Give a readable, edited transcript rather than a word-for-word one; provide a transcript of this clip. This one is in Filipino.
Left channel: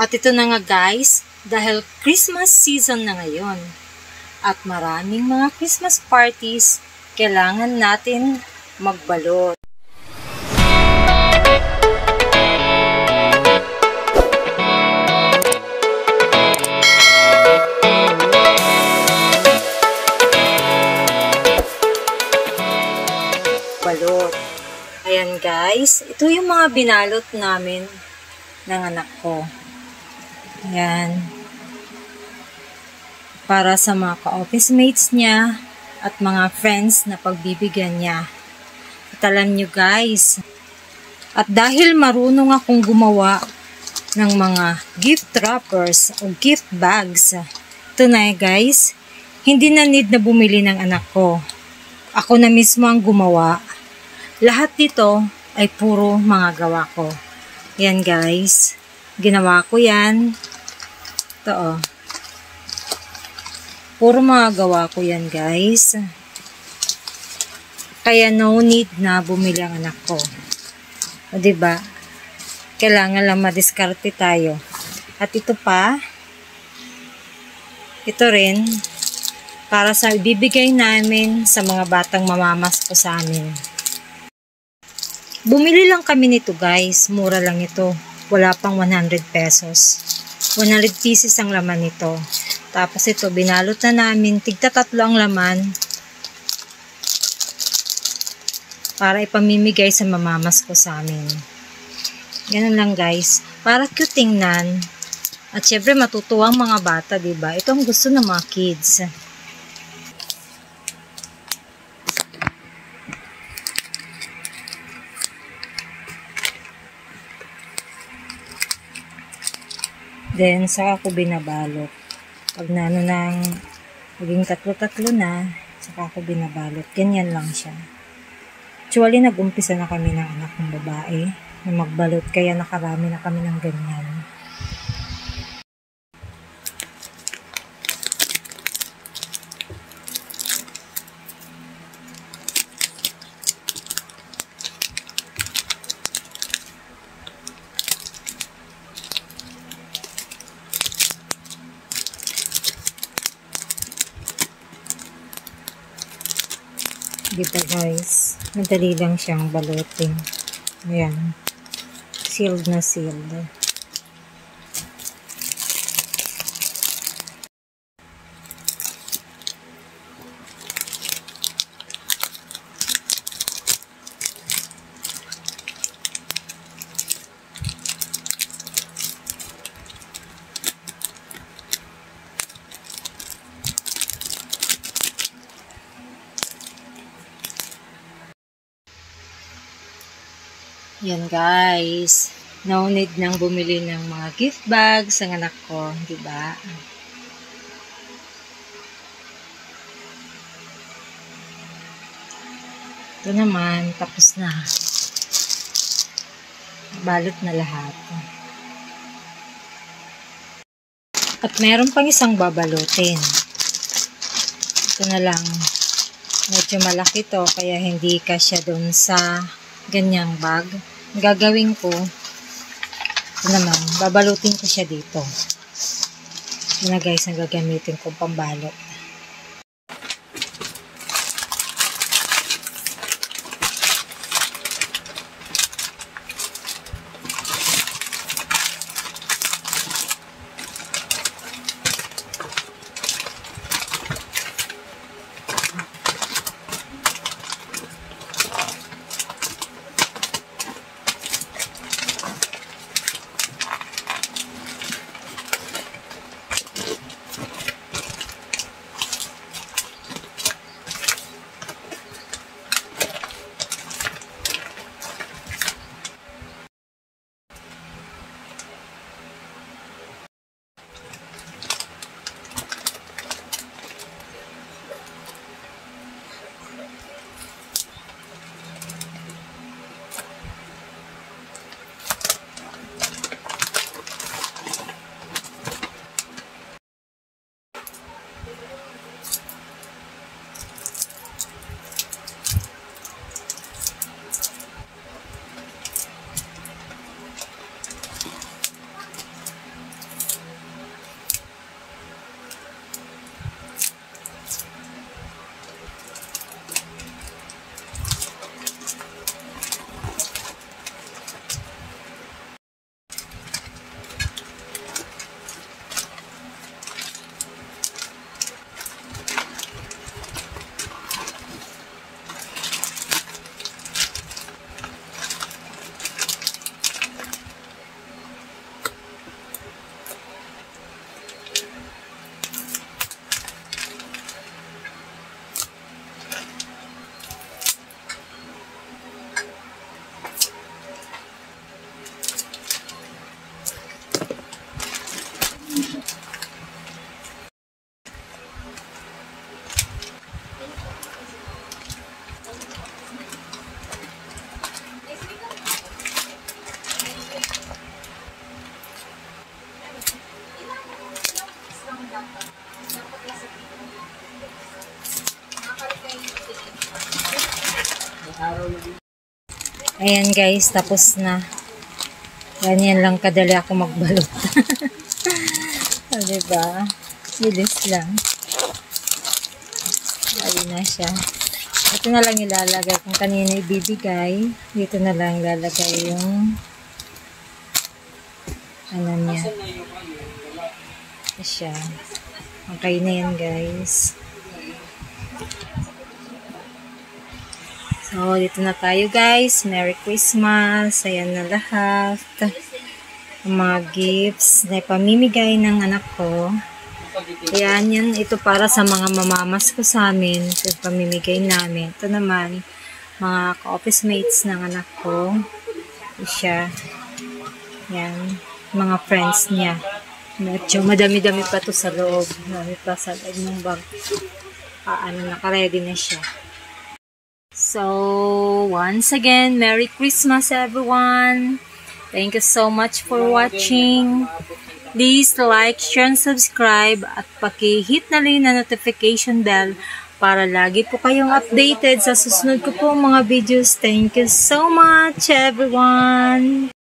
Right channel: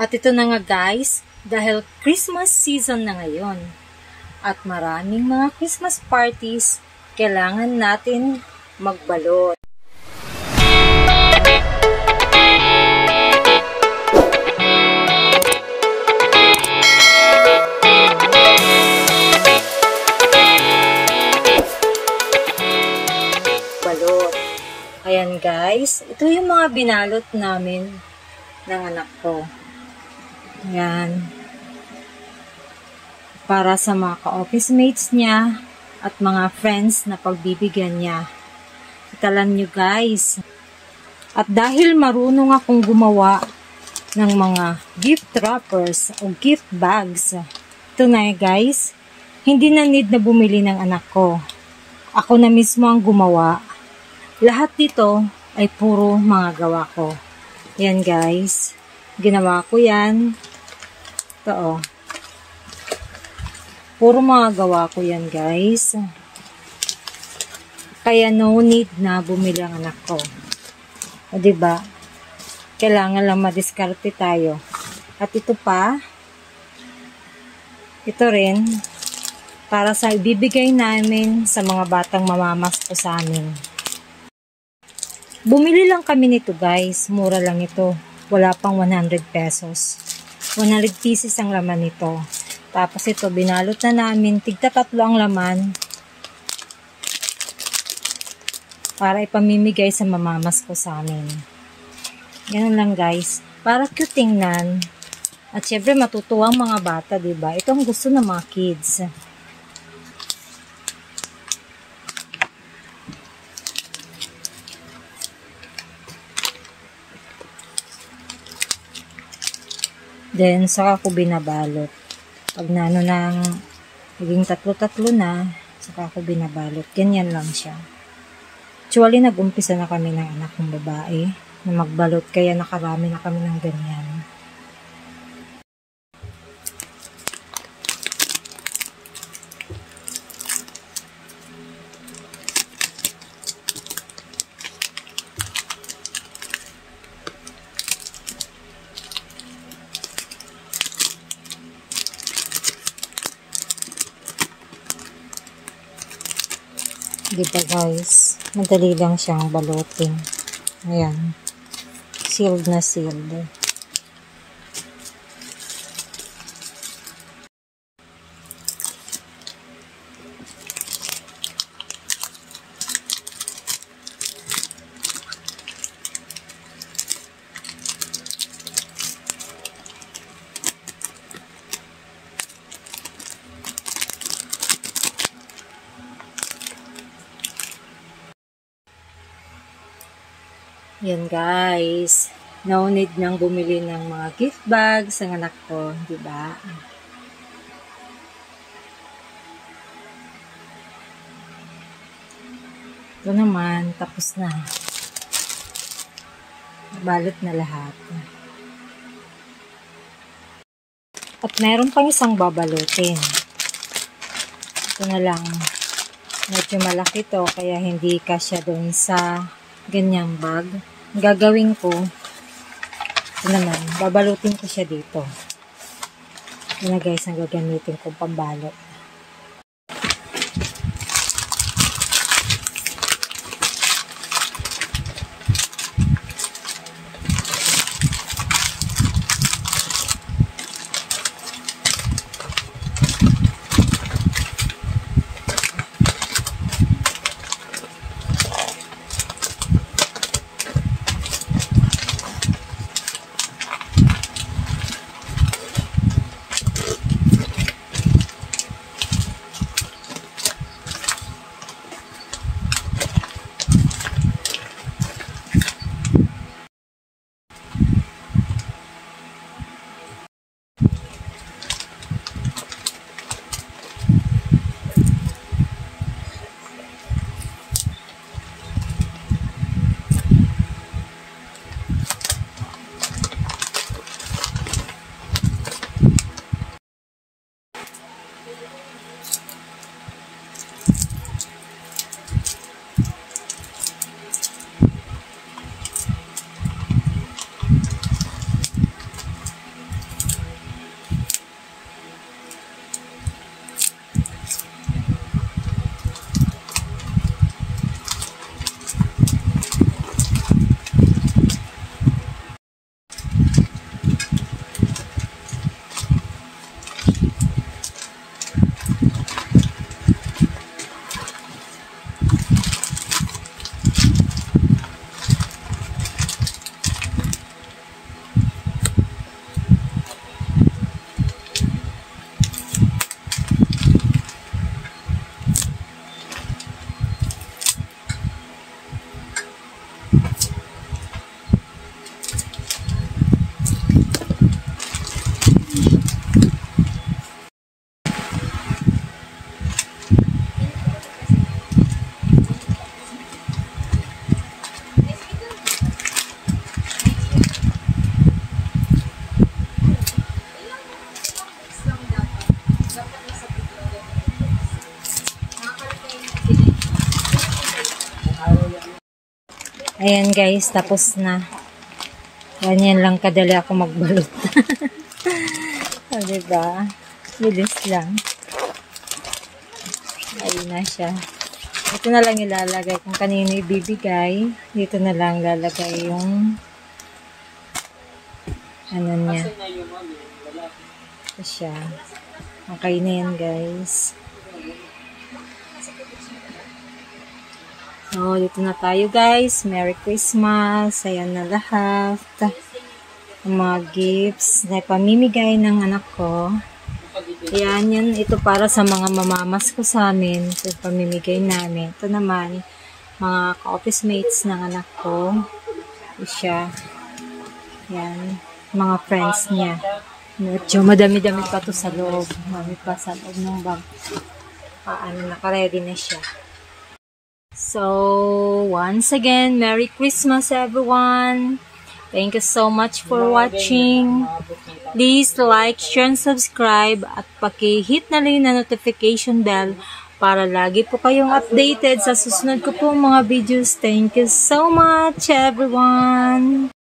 At ito na nga guys, dahil Christmas season na ngayon at maraming mga Christmas parties, kailangan natin magbalot. Balot. Ayan guys, ito yung mga binalot namin ng anak ko. Ayan. Para sa mga ka-office mates niya at mga friends na pagbibigyan niya. At alam nyo guys, at dahil marunong akong gumawa ng mga gift wrappers o gift bags, ito na guys, hindi na need na bumili ng anak ko. Ako na mismo ang gumawa. Lahat dito ay puro mga gawa ko. Yan guys, ginawa ko yan. Ito oh. Puro mga gawa ko yan guys. Kaya no need na bumili ang anak ko. O diba? Kailangan lang madiskarte tayo. At ito pa. Ito rin. Para sa ibibigay namin sa mga batang mamamasko sa amin. Bumili lang kami nito guys. Mura lang ito. Wala pang 100 pesos. 100 pieces ang laman nito. Tapos ito, binalot na namin. Tigta-tatlo ang laman. Para ipamimigay sa mamamas ko sa amin. Ganun lang guys. Para cute tingnan. At syempre matutuwa ang mga bata, diba? Ito ang gusto ng mga kids. Then, saka ko binabalot. Pag nano nang maging tatlo-tatlo na, saka ko binabalot. Ganyan lang siya. Actually, nag-umpisa na kami ng anak kong babae na magbalot. Kaya nakarami na kami ng ganyan. Diba guys, madali lang siyang balutin. Ayan, sealed na sealed. Yan guys, no need nang bumili ng mga gift bags ang anak ko, di ba? Ito naman, tapos na. Balot na lahat. At meron pang isang babalutin. Ito na lang. Medyo malaki to, kaya hindi kasya doon sa ganyang bag. Ang gagawin ko, ito naman, babalutin ko siya dito. Ito na guys, ang gagamitin ko pambalot. Ayan guys, tapos na. Ganyan lang kadali ako magbalot. O, diba? Bilis lang. Ayun na siya. Ito na lang ilalagay kung kanino ibibigay. Dito na lang lalagay yung ano niya. Ito siya. Okay na yan guys. So, dito na tayo guys. Merry Christmas. Ayan na lahat. Ang mga gifts na pamimigay ng anak ko. Ayan, yan. Ito para sa mga mamamas ko sa amin. Ito pamimigay namin. Ito naman, mga ka-office mates ng anak ko. Ito siya. Ayan. Mga friends niya. Medyo madami-dami pa to sa loob. Dami pa sa loob ng bag. Naka-ready na siya. So, once again, Merry Christmas everyone! Thank you so much for watching. Please like, share, and subscribe at paki-hit na rin na notification bell para lagi po kayong updated sa susunod ko pong mga videos. Thank you so much everyone!